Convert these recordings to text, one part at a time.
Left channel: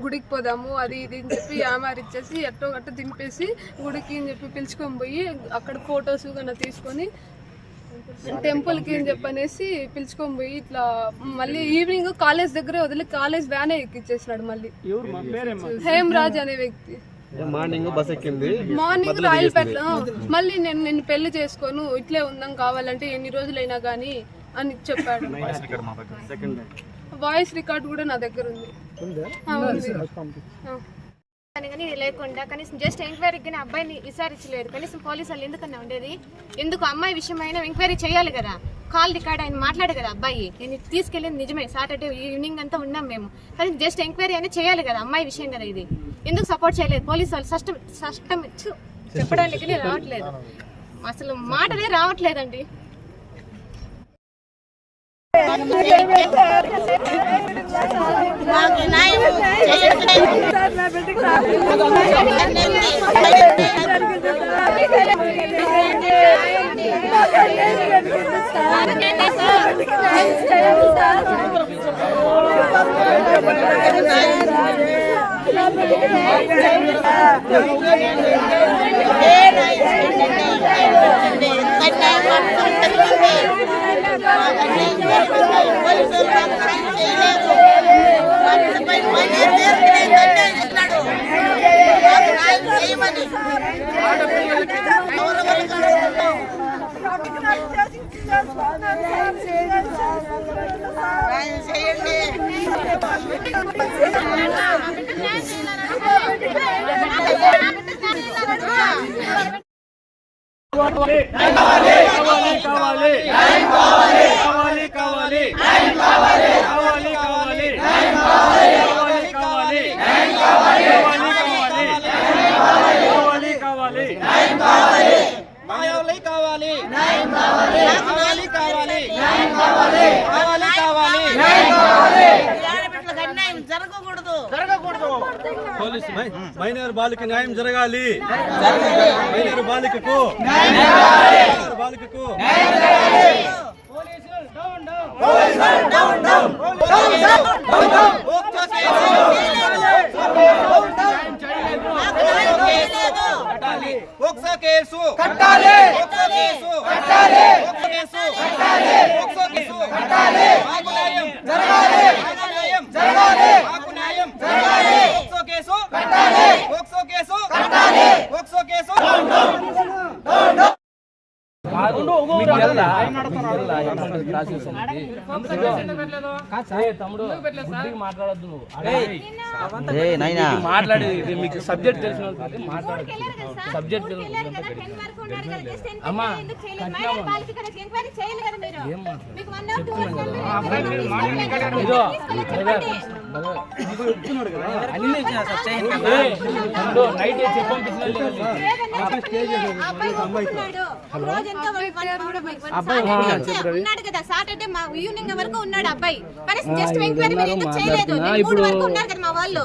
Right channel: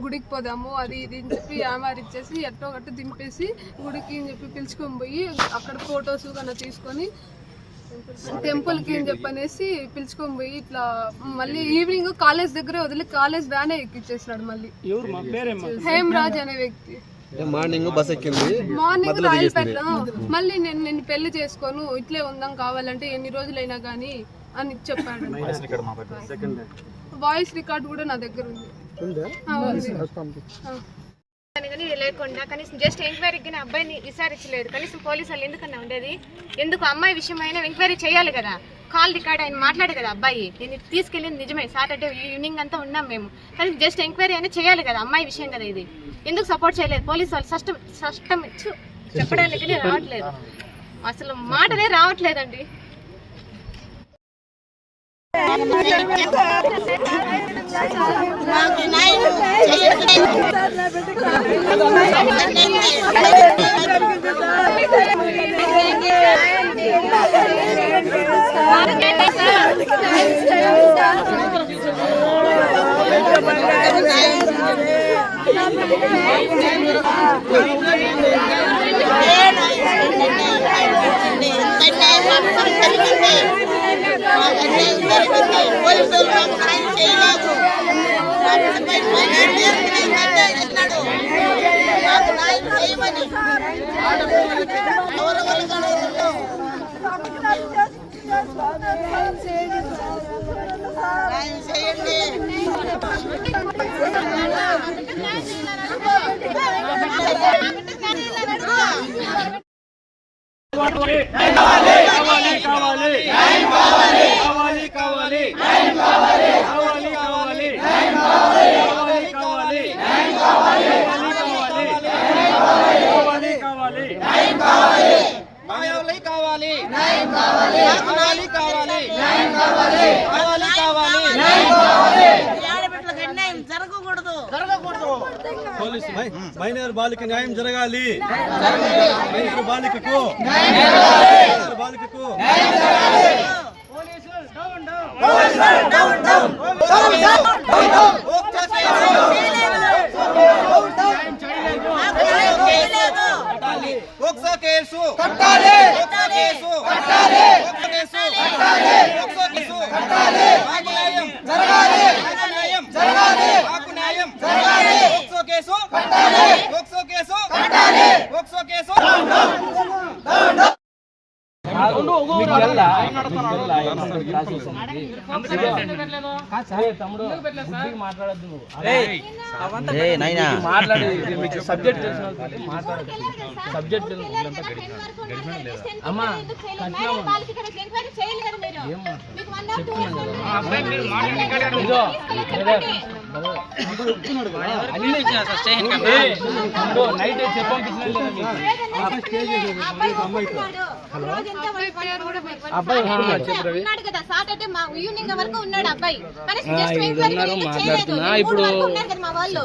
గుడికి పోదాము అది ఇది అని చెప్పి యామార్ ఇచ్చేసి ఎట్టో గట్ట దింపేసి గుడికి అని చెప్పి పిలుచుకొని పోయి అక్కడ ఫొటోస్ కన్నా తీసుకొని టెంపుల్కి అని చెప్పనేసి పిలుచుకొని పోయి ఇట్లా మళ్ళీ ఈవినింగ్ కాలేజ్ దగ్గరే వదిలి కాలేజ్ వ్యానే ఎక్కిచ్చేసినాడు మళ్ళీ. హేమరాజ్ అనే వ్యక్తి. మార్నింగ్ బస్ ఎక్కింది. మార్నింగ్ రాయలపేట మళ్ళీ నేను నేను పెళ్ళి చేసుకోను ఇట్లే ఉందాం కావాలంటే ఎన్ని రోజులైనా కానీ అని చెప్పాడు. వాయిస్ రికార్డ్ కూడా నా దగ్గర ఉంది. కానీ లేకుండా కనీసం జస్ట్ ఎంక్వైరీకి కానీ అబ్బాయిని విచారించలేదు. కనీసం పోలీసు వాళ్ళు ఎందుకన్నా ఉండేది? ఎందుకు అమ్మాయి విషయమైనా ఎంక్వైరీ చేయాలి కదా? కాల్ రికార్డ్ ఆయన మాట్లాడే కదా అబ్బాయి. నేను తీసుకెళ్ళింది నిజమే. సాటర్డే ఈవినింగ్ అంతా ఉన్నాం మేము. కానీ జస్ట్ ఎంక్వైరీ అయినా చేయాలి కదా అమ్మాయి విషయం కదా ఇది. ఎందుకు సపోర్ట్ చేయలేదు? పోలీసు వాళ్ళు సష్టం సష్టం ఛు, చెప్పడానికి రావట్లేదు. అసలు మాటలే రావట్లేదండి. ఏ పోలీసులు మాకు సైన్ చేయలేదు ఇచ్చినాడు మాకు న్యాయం చేయమని న్యాయం చేయండి కావాలి కావాలి కావాలి కావాలి కావాలి కావాలి కావాలి కావాలి కావాలి కావాలి కావాలి కావాలి కావాలి కావాలి కావాలి కావాలి కావాలి పోలీసు మైనర్ బాలిక న్యాయం జరగాలి. మైనర్ బాలికకు బాలికకు కేసు కట్టాలి కేసు కట్టాలి కేసు కట్టాలి కేసు కట్టాలి జరగాలి జరగాలి జరగాలి. కేసు? కట్టాలి. ఒక్సో కేసు? కట్టాలి. ఒక్సో కేసు? మీకు తెల్లా? మీకు తెల్లా? ఏమంటారు క్లాసెస్ అనేది తమ్ముడు బుద్ధిగా మాట్లాడద్దు. నువ్వు మాట్లాడేది మీకు సబ్జెక్ట్ తెలిసిన వాళ్ళకి మాట్లాడదు సబ్జెక్ట్ అమ్మా నైట్ అబ్బాయి ఉన్నాడు కదా సాటర్డే మా ఈవినింగ్ వరకు ఉన్నాడు అబ్బాయి. జస్ట్ ఎంక్వైరీ కూడా చేయలేదు. మూడు వరకు ఉన్నారు కదా మా వాళ్ళు.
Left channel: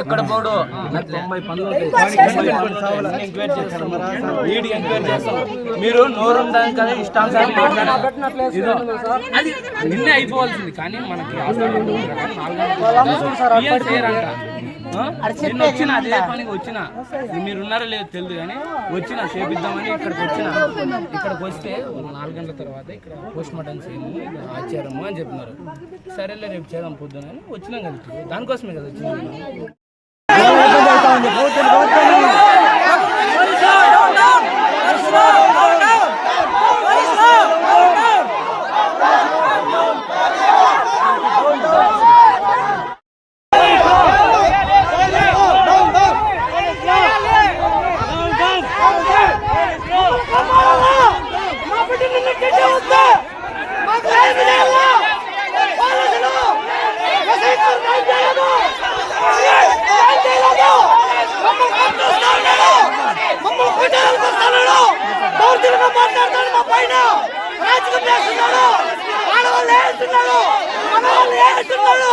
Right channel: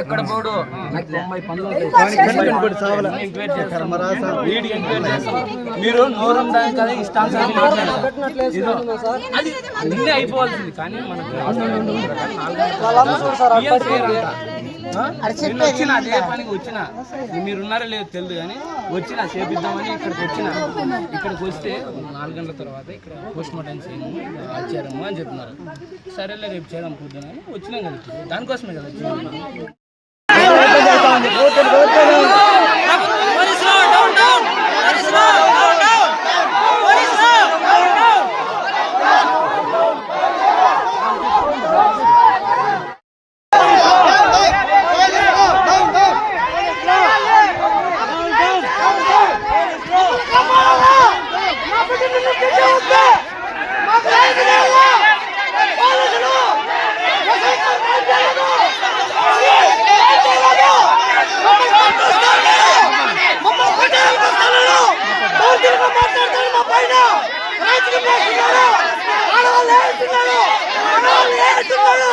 ఎక్కడ పోడు? నాకు. తొంభై పనులు ఎంక్వైరీ చేస్తాం ఎంక్వైరీ చేస్తాం మీరు నోరు ఉండడానికి కదా ఇదో అది నిన్నే అయిపోవాల్సింది కానీ మనకి పిఎం నిన్న వచ్చిన అదే పనికి వచ్చిన. మీరు ఉన్నారో లేదో తెలియదు కానీ వచ్చిన చేపిద్దామని ఇక్కడికి వచ్చిన. ఇక్కడికి వస్తే నాలుగు గంటల తర్వాత ఇక్కడ పోస్ట్ మార్టం చేయము వచ్చారము అని చెప్తున్నారు సరేలే రేపు చేద్దాం పొద్దున అని వచ్చినాం కదా. దానికోసమే కదా వచ్చింది ಸುಣ್ಣು ಸುಣ್ಣು